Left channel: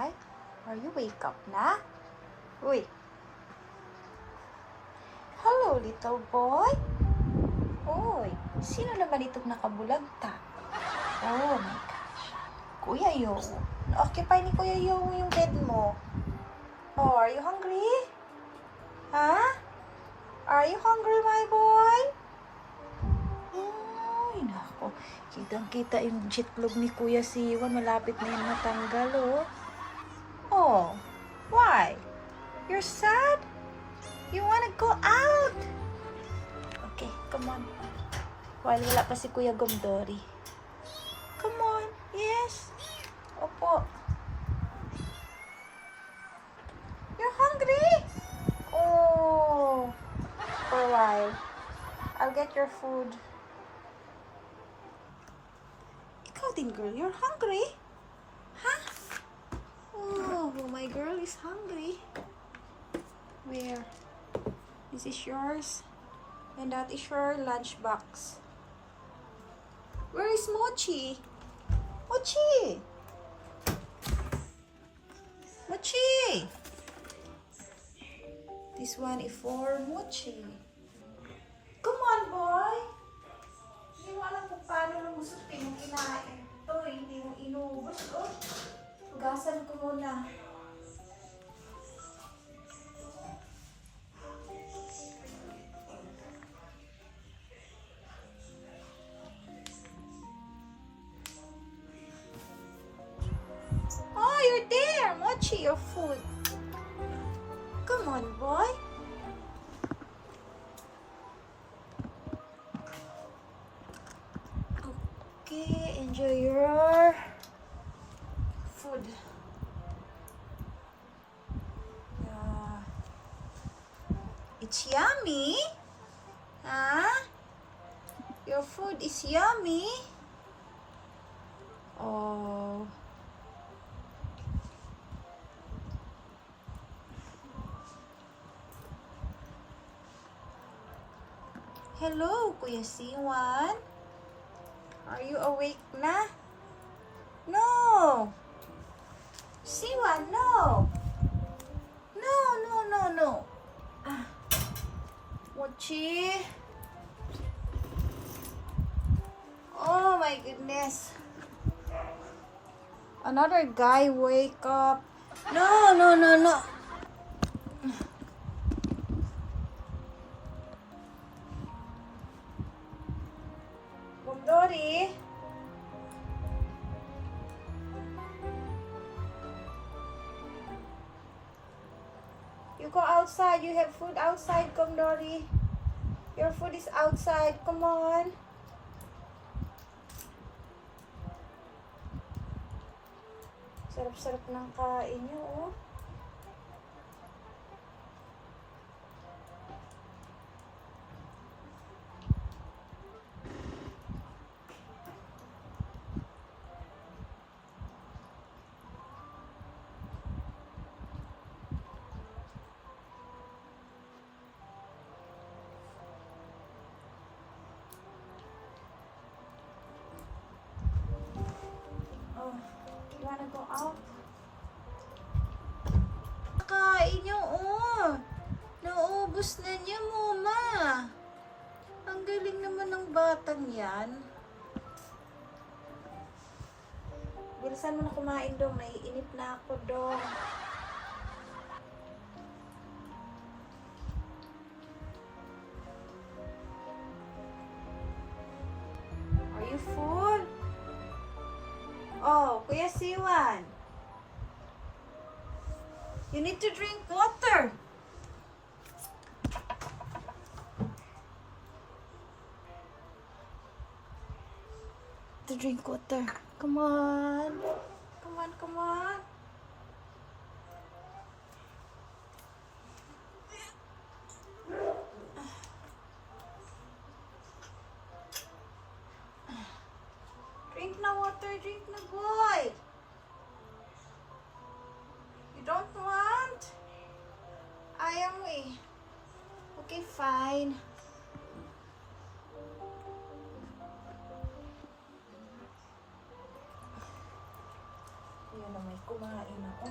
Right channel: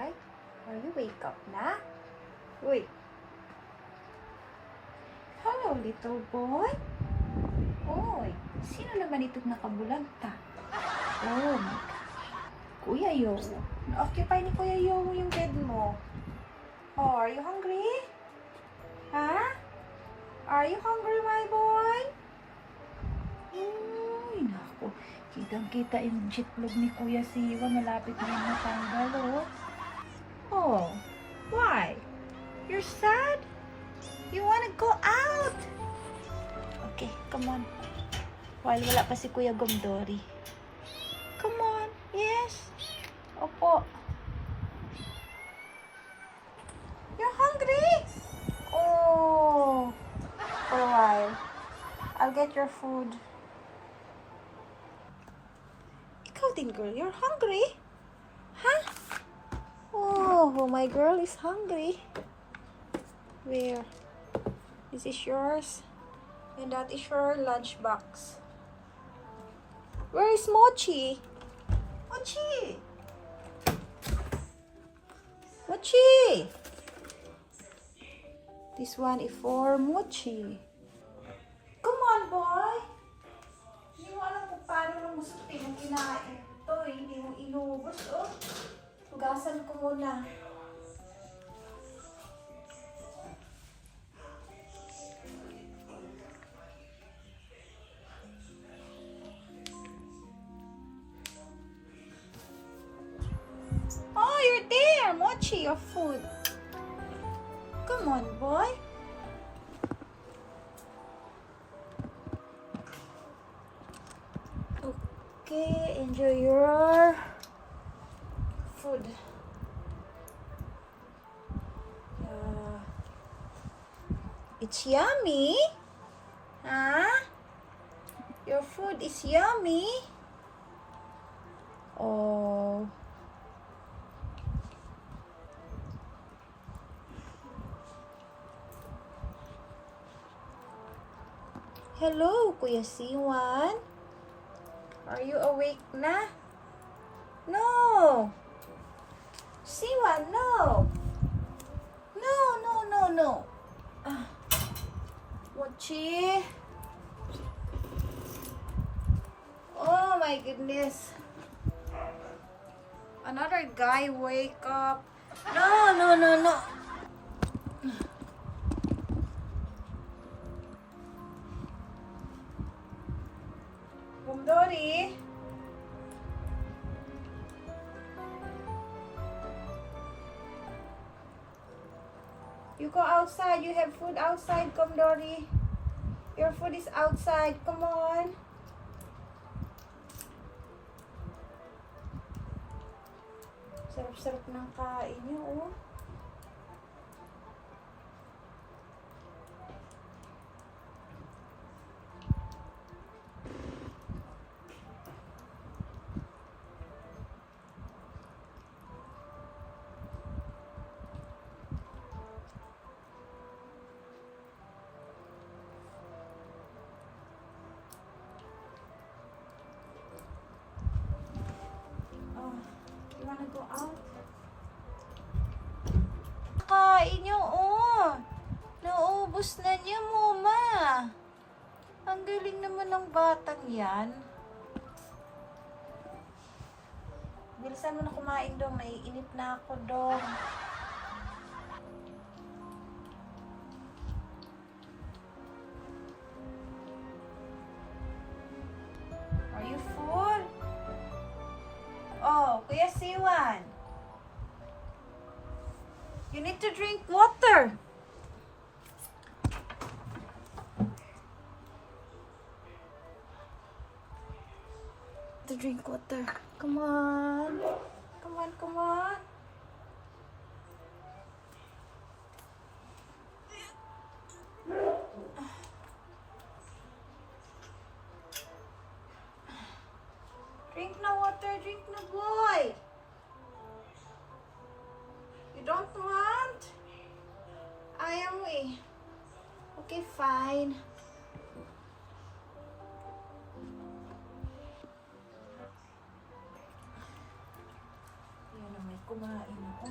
boy? Are you wake up na? Uy. Hello, little boy. Uy, sino naman itong nakabulagta? Oh my gosh. Kuya Yo. Na-occupy ni Kuya Yo yung bed mo. Oh, are you hungry? Ha? Are you hungry, my boy? Ay, naku. Kitang-kita yung jitlog ni Kuya Siwan. Malapit na yung matanggal, oh. Oh, why? You're sad? You wanna go out? Okay, come on. While wala pa si Kuya Gomdori. Come on. Yes. Opo. You're hungry? Oh. For a while. I'll get your food. Ikaw din, girl. You're hungry? Huh? Oh, my girl is hungry. Where? This is yours. And that is your lunchbox. Where is Mochi? Mochi! Mochi! This one is for Mochi. Come on, boy! Hindi mo alam kung paano mo musutin yung kinain ito. Hindi mo inubos, oh. Hugasan ko muna. Oh, you're there! Mochi, your food. Come on, boy. Okay, enjoy your food. It's yummy. Huh? Your food is yummy. Oh. Hello, Kuya Siwan. Are you awake na? No. Siwan, no. No, no, no, no. Mochi. Oh my goodness. Another guy wake up. No, no, no, no. Gomdori. You go outside. You have food outside, Gomdori. Your food is outside. Come on. Sarap-sarap ng kain niyo, oh. You wanna go out? Kain niyo, oh. Naubos na niya, Mama. Ang galing naman ng batang yan. Bilisan mo na kumain, Dong. Naiinip na ako, Dong. Are you full? Oh, Kuya Siwan. You need to drink water. To drink water. Come on. Come on, come on. Drink na water, drink na, boy. You don't want? Ayaw mo eh. Okay, fine. Yan na may kumain ako.